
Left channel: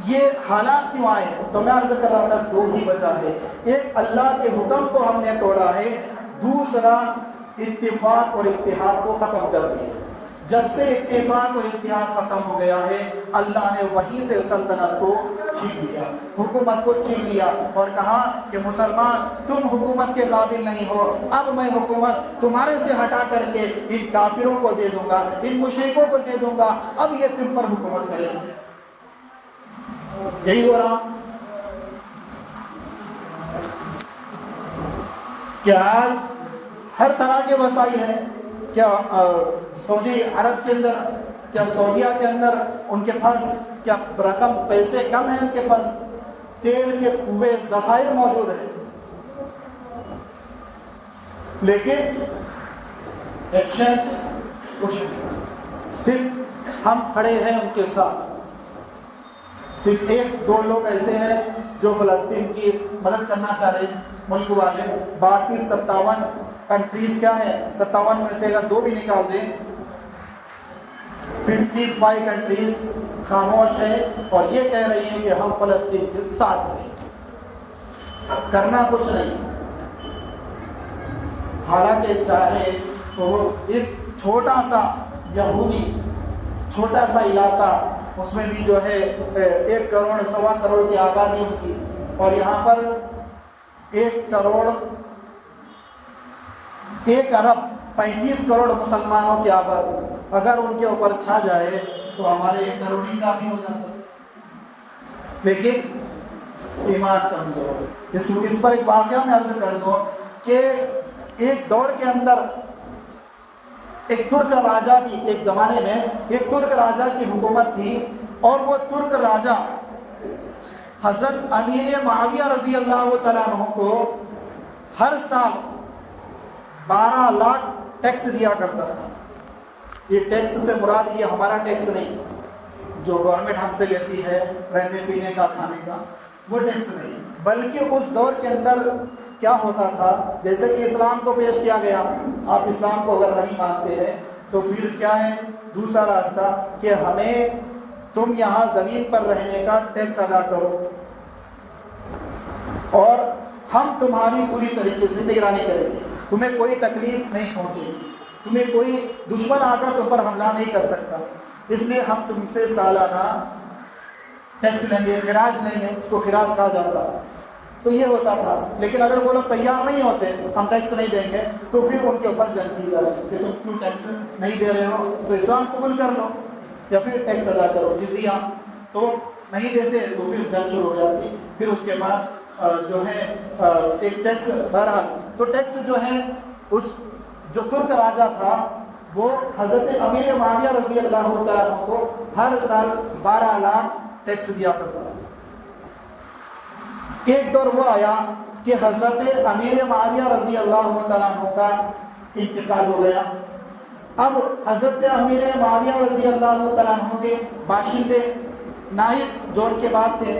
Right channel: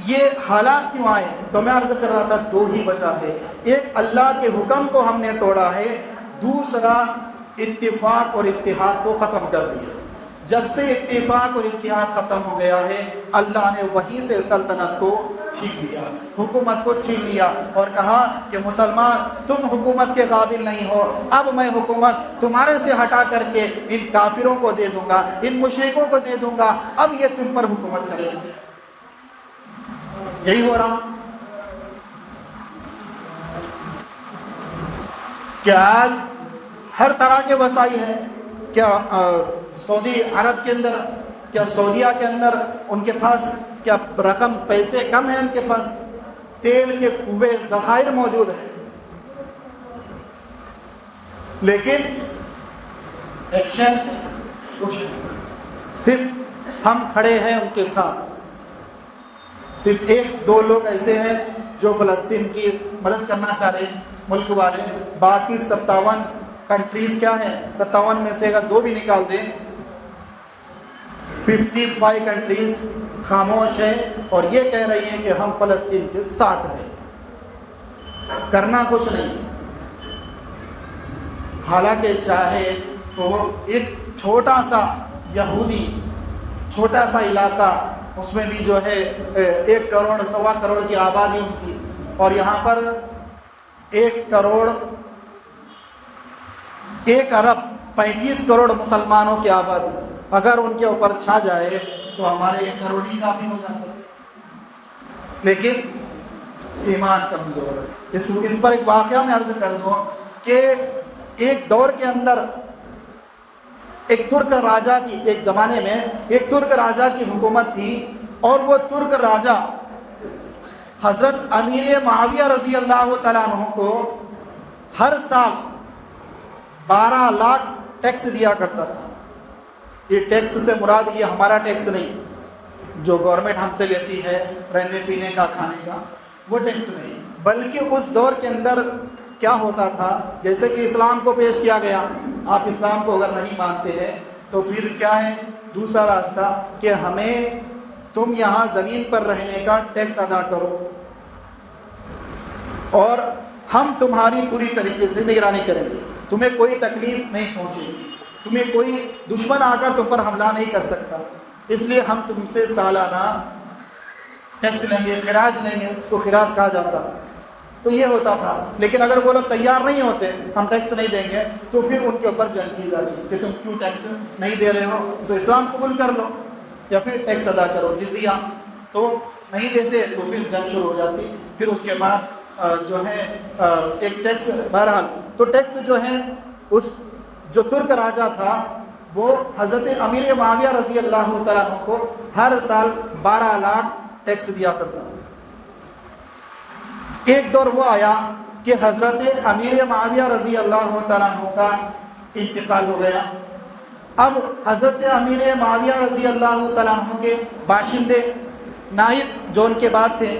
یہ حالات کیوں آئے، تو میں عرض کر رہا تھا دو ہی وجہ ہے، ایک اللہ کے حکم کو ہم نے توڑا ہے، دوسرا اتفاق اور اتحاد کو ختم کر دیا۔ جب سے اتفاق اور اتحاد ختم ہو گیا ہے، اللہ نے وہیں سے سلطنت کو چھین لیا، حکومت کو چھین لیا، اور کہا کہ مسلمان تم حکومت کے قابل نہیں ہو، اب میں حکومت تمہارے سے ہٹا کر کے ان کافروں کو دے دوں گا، ان مشرکوں کو دے دوں گا، اب یہ تم پر حکومت کریں گے۔ یہی ہو رہا کہ آج ہر طرح کے وسائل ہیں۔ کیا سعودی عرب کے اندر، کیا سعودیہ کے اندر ان کے پاس کیا رقم پیسے کم ہیں؟ ان کے پاس تیل کے کنویں ذخائر موجود ہیں، لیکن ایکشن کچھ نہیں۔ صرف ہم کھڑے ہیں ان کے ساتھ، صرف ایک دو لوگ ایسے ہیں جو فلسطین کی مدد کرنا چاہ رہے ہیں، ملک والے، باقی 57 کنٹریز کیا ہیں، 57 میں سے اگر 2 بھی نکال دیں 55 کنٹریز خاموش ہیں اور یہ کہہ رہی ہیں کہ ہم فلسطین کے ساتھ ہیں، کرنا کچھ نہیں۔ حالانکہ چاہے تو ایک چھوٹا سا یہودی چھوٹا سا علاقہ، اس میں بھی جو ہے 1 کروڑ 1.25 کروڑ کی آبادی ان کی، اور یہاں پر 1 کروڑ 1 ارب 35 کروڑ مسلمانوں کی آبادی، اگر ان کے اوپر چھا جائے تو ہمارے 1 کروڑ ہی کافی ہو جا سکتے، لیکن ایمان کمزور ہے۔ اس پر ایک واقعہ میں عرض کر دوں کہ ایک دور کے اندر ایک ترک راجا کی، ایک زمانے میں ایک ترک راجا کی حکومت تھی، اور وہ ترک راجا حضرت امیر معاویہ رضی اللہ تعالیٰ عنہ کو ہر سال 12 لاکھ ٹیکس دیا کرتا تھا۔ یہ ٹیکس سے مراد یہ ہمارا ٹیکس نہیں جو گورنمنٹ ہم سے لیتی ہے رہنے پینے کا کھانے کا، وہ ٹیکس نہیں، بلکہ اس دور کے اندر کیا ہوتا تھا، جیسے کہ اسلام کو پیش کیا گیا، آپ اسلام کو اگر نہیں مانتے ہیں تو پھر کیا ہے دوسرا راستہ کہ ہمیں تم یہاں زمین پر رہنے کا ٹیکس ادا کرو، اور ہم تمہاری پوری طریقے سے نگرانی کریں گے، تمہیں کوئی تکلیف نہیں پہنچے گی، تمہیں کوئی دشمن آ کر تم پر حملہ نہیں کر سکتا، اس لیے ہم تم سے سالانہ ٹیکس لیں گے، خراج لیں گے، اس کو خراج کہا جاتا۔ تو یہ ہوتا تھا، لیکن اگر وہ لوگ تیار نہیں ہوتے ہم ٹیکس نہیں دیں گے تو پھر ان کے اوپر جنگ کی جاتی کہ تم کیوں ٹیکس نہیں دے رہے ہو، تو اسلام قبول کر لو یا پھر ٹیکس ادا کرو، جزیہ تو نہیں دیتے تو پھر جنگ شروع ہو جاتی۔ پھر اس کے بعد جو ہے ایک ٹیکس، بہرحال تو ٹیکس جو ہے اس جو ترک راجا تھا وہ حضرت امیر معاویہ رضی اللہ تعالیٰ عنہ کو ہر سال 12 لاکھ ٹیکس دیا کرتا۔ ایک دور وہ آیا کہ حضرت امیر معاویہ رضی اللہ تعالیٰ عنہ کا انتقال ہو گیا، اب حضرت امیر معاویہ رضی اللہ تعالیٰ عنہ کے باشندے نائب جو ان کے بعد تھے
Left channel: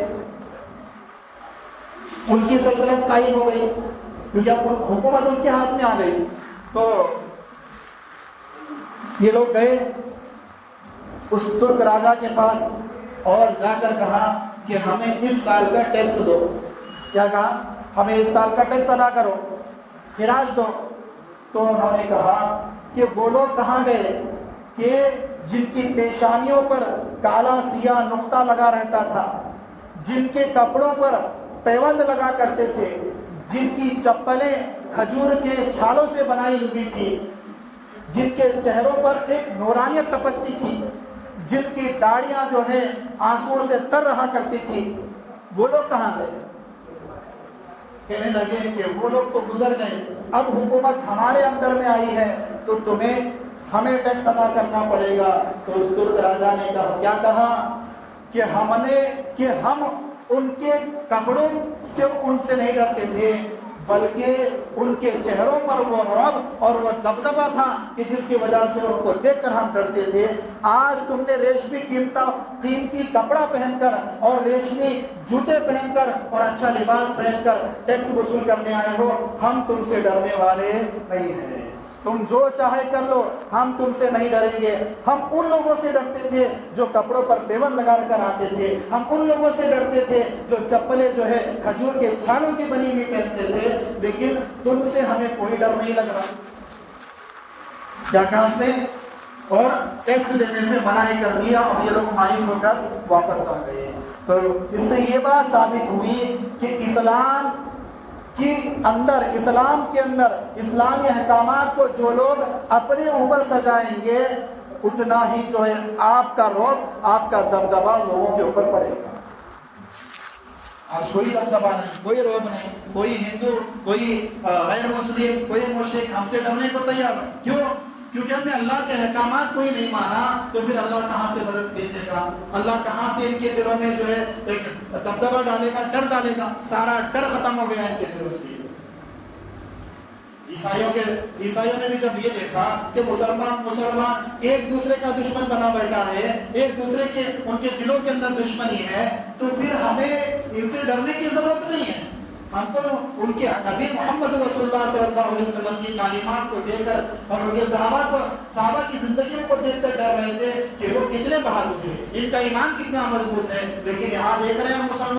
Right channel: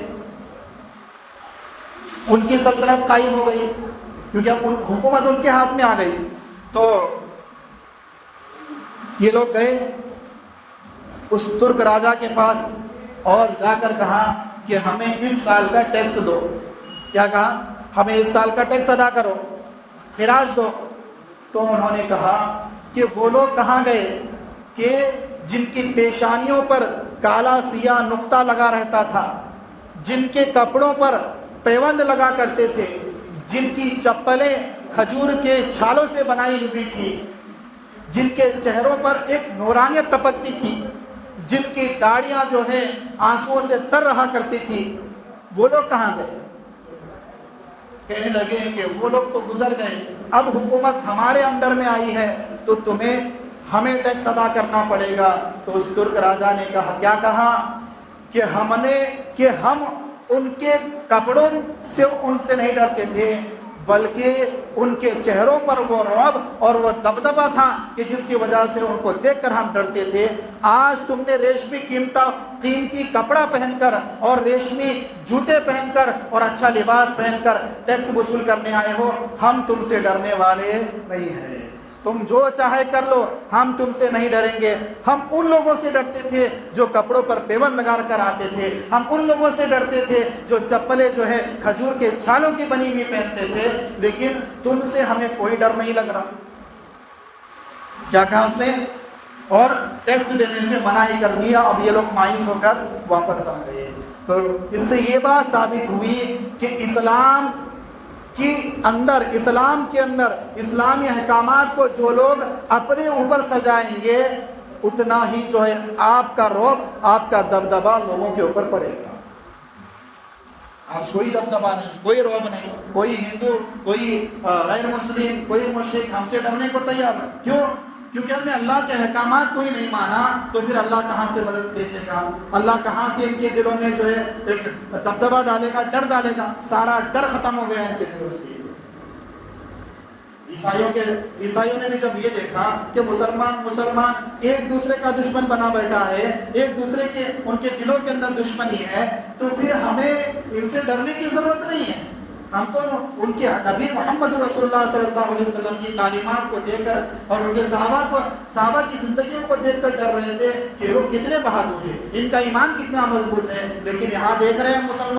ان کی سلطنت قائم ہو گئی، کیونکہ حکومت ان کے ہاتھ میں آ گئی، تو یہ لوگ گئے اس ترک راجا کے پاس اور جا کر کہا کہ ہمیں اس سال کا ٹیکس دو۔ کیا کہا ہمیں اس سال کا ٹیکس ادا کرو، خراج دو۔ تو انہوں نے کہا کہ وہ لوگ کہاں گئے کہ جن کی پیشانیوں پر کالا سیاہ نقطہ لگا رہتا تھا، جن کے کپڑوں پر پیوند لگا کرتے تھے، جن کی چپلیں کھجور کے چھالوں سے بنائی ہوئی تھی، جن کے چہروں پر ایک نورانیت ٹپکتی تھی، جن کی داڑیاں جو ہے آنسوؤں سے تر رہا کرتی تھی، وہ لوگ کہاں گئے؟ کہنے لگے کہ وہ لوگ تو گزر گئے، اب حکومت ہمارے انڈر میں آئی ہے تو ہمیں ٹیکس ادا کرنا پڑے گا۔ تو اس ترک راجا نے کیا کہا کہ ہم ان کے کپڑوں سے ان سے نہیں ڈرتے تھے، بلکہ ان کے چہروں پر وہ رعب اور وہ دبدبا تھا کہ جس کی وجہ سے ان کو دیکھ کر ہم ڈرتے تھے۔ آج تم نے ریشمی قیمتی کپڑا پہن کر اور ریشمی جوتے پہن کر اور اچھا لباس پہن کر ٹیکس وصول کرنے آئے ہو، ہم تم سے ڈرنے والے نہیں ہیں، تم جو چاہے کر لو، ہم تم سے نہیں ڈریں گے۔ ہم ان لوگوں سے ڈرتے تھے جو کپڑوں پر پیوند لگا کر آتے تھے، ہم ان لوگوں سے ڈرتے تھے جو چپلیں جو ہے کھجور کے چھالوں کی بنی ہوئی پہنتے تھے، لیکن تم سے ہمیں کوئی ڈر نہیں لگ رہا۔ کیا کہا اس نے؟ اور ٹیکس دینے سے منع ہی کر دیا، اور یہ لوگ مایوس ہو کر واپس آ گئے۔ تو اس سے یہ بات ثابت ہوئی کہ اسلام کے اندر اسلامی احکامات کو جو لوگ اپنے اوپر سجائیں گے، اتنا ہی جو ہے آپ کا رعب، آپ کا دبدبا لوگوں کے اوپر پڑے گا۔ آج کوئی دبدبا نہیں، کوئی رعب نہیں، کوئی ہندو، کوئی غیر مسلم، کوئی مشرک ہم سے ڈرنے کو تیار نہیں۔ کیوں؟ کیونکہ ہم نے اللہ کے احکامات کو ہی نہیں مانا، تو پھر اللہ کہاں سے مدد بھیجے گا؟ اللہ کہاں سے ان کے دلوں میں جو ہے ایک دبدبا ڈالے گا، ڈر ڈالے گا؟ سارا ڈر ختم ہو گیا ان کے دلوں سے۔ عیسائیوں نے بھی جب یہ دیکھا کہ مسلمان ایک دوسرے کا دشمن بنا بیٹھا ہے، ایک دوسرے کے ان کے دلوں کے اندر دشمنی ہے، تو پھر ہمیں ان سے ڈرنے کی ضرورت نہیں ہے۔ ہم تو ان کے نبی محمد رسول اللہ صلی اللہ علیہ وسلم کی تعلیمات کو دیکھ کر اور ان کے صحابہ کی زندگیوں کو دیکھ کر ڈر رہے تھے کہ وہ کتنے بہادر ہیں، ان کا ایمان کتنا مضبوط ہے، لیکن یہاں دیکھ رہے ہیں مسلمان